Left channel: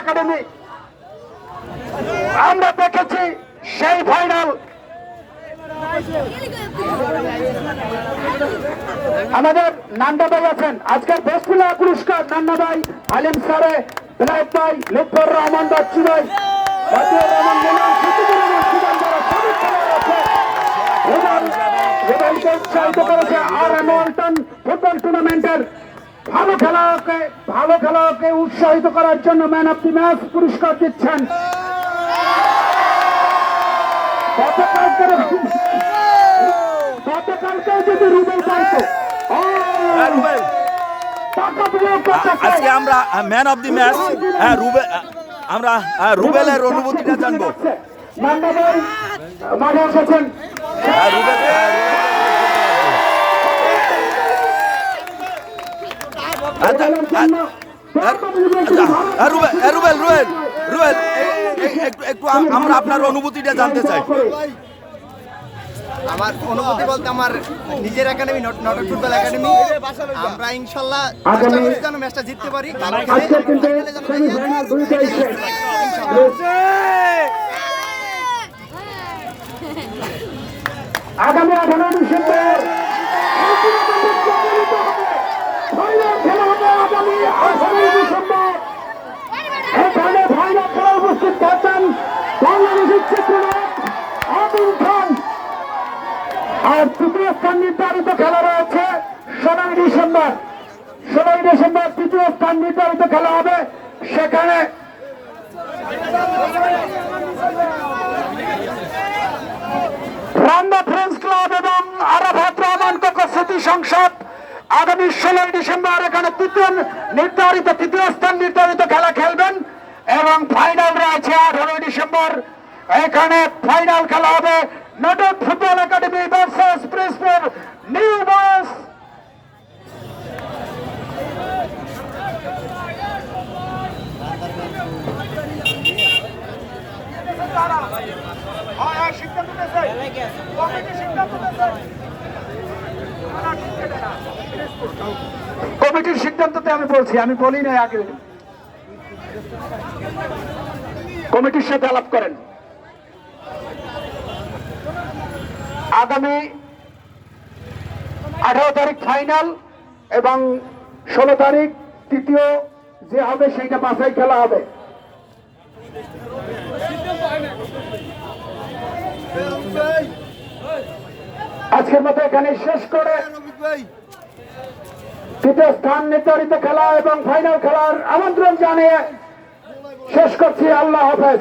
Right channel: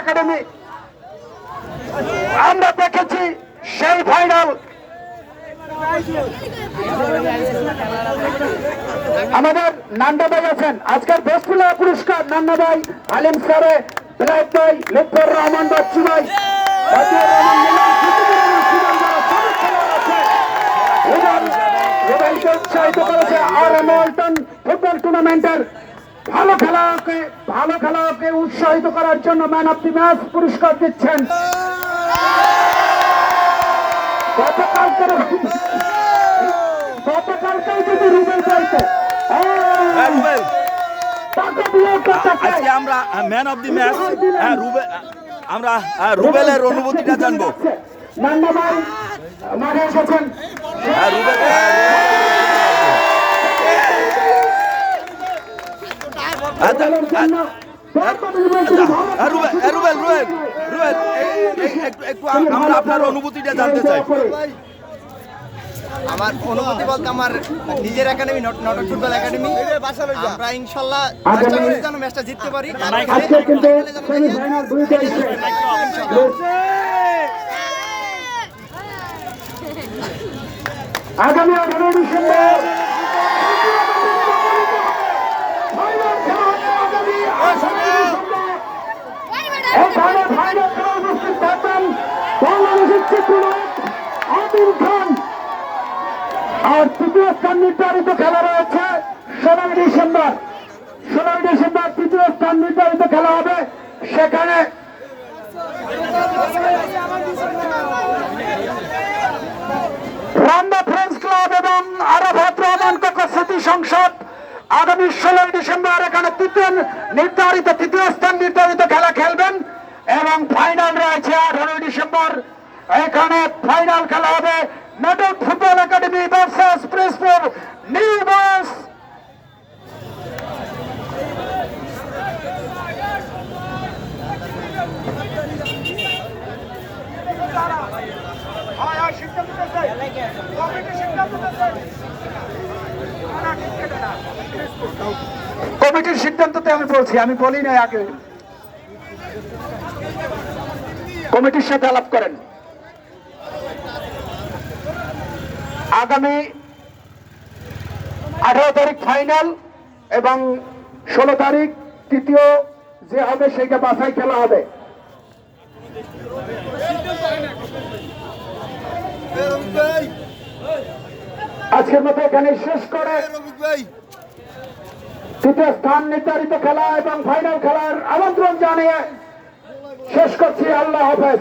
Academy আমরা দেখেছি সেই ফাইনাল আমাদের নান্দা ভাই আছেন। আজকের বেসপুলা পুরস্কার নান্না ভাই আলিম সারে বিনায়ক ভাই লুৎফর রহমান বাচ্চু ভাই। ফুটবল টুর্নামেন্টের ভালো খেলোয়াড়কে ভালো খেলোয়াড়কে উৎসাহিত করার জন্য ম্যান অফ দি ম্যাচ পুরস্কার দিচ্ছেন। গতকালকে গতকালকেও যদি রুবেল। পাইতো হ্যাঁ, আজকে আমরা ম্যান অফ দি ম্যাচ হ্যাঁ রুবেল আমরা রুবেলের অনুভূতিটা জানব। রুবেল হ্যাঁ, রুবেল রুবেল রুবেল একটু আমরা আপনার অনুভূতিটা জানতে চাই আমার অনুভূতি বলতে আমার নিজের একাডেমি নটর ফুটবল একাডেমি আমরা ইনশাল্লাহ চেষ্টা করি যেন ম্যাচটা জিততে পারি যেন যাই, সেমিফাইনাল দুইটাই জিততে শেষ পারি, ইনশাল্লাহ আগামী আঠারো ডিসেম্বর ফাইনাল খেলা হবে আগামী আঠারোই ডিসেম্বর আর তৃতীয় স্থান নির্ধারিত রয়েছে ষোলোই ডিসেম্বর ষোলোই ডিসেম্বর তৃতীয় স্থান নির্ধারিত খেলা হবে সেখানে রান্না ফ্রেন্ডস ক্লাব এবং আরাফাত রহমান কোকো স্মৃতি সংসদ। আগামী ষোলোই ডিসেম্বর এখানে তৃতীয় নির্ধারিত তৃতীয় স্থান নির্ধারিত খেলা খেলবেন এবং ফাইনাল রয়েছে আঠারোই ডিসেম্বর। এখানে ফাইনাল খেলা হবে নটক football academy versus Princepur new বাস কমিটির সিদ্ধান্ততে আমি বলছি, আমি বলি না আগে। কমিটির সাথে আলাপ করেন। আগামী আঠারো তারিখ ফাইনাল এবং ষোলো তারিখ তৃতীয় যে হবে সেইটা বাসায় খেলা হবে। আজকের মতো এখানে শেষ করে। তৃতীয় স্থান নির্ধারিত খেলা এবং ফাইনাল খেলার আমন্ত্রণ জানিয়ে শেষ করছি আল্লাহ হাফেজ।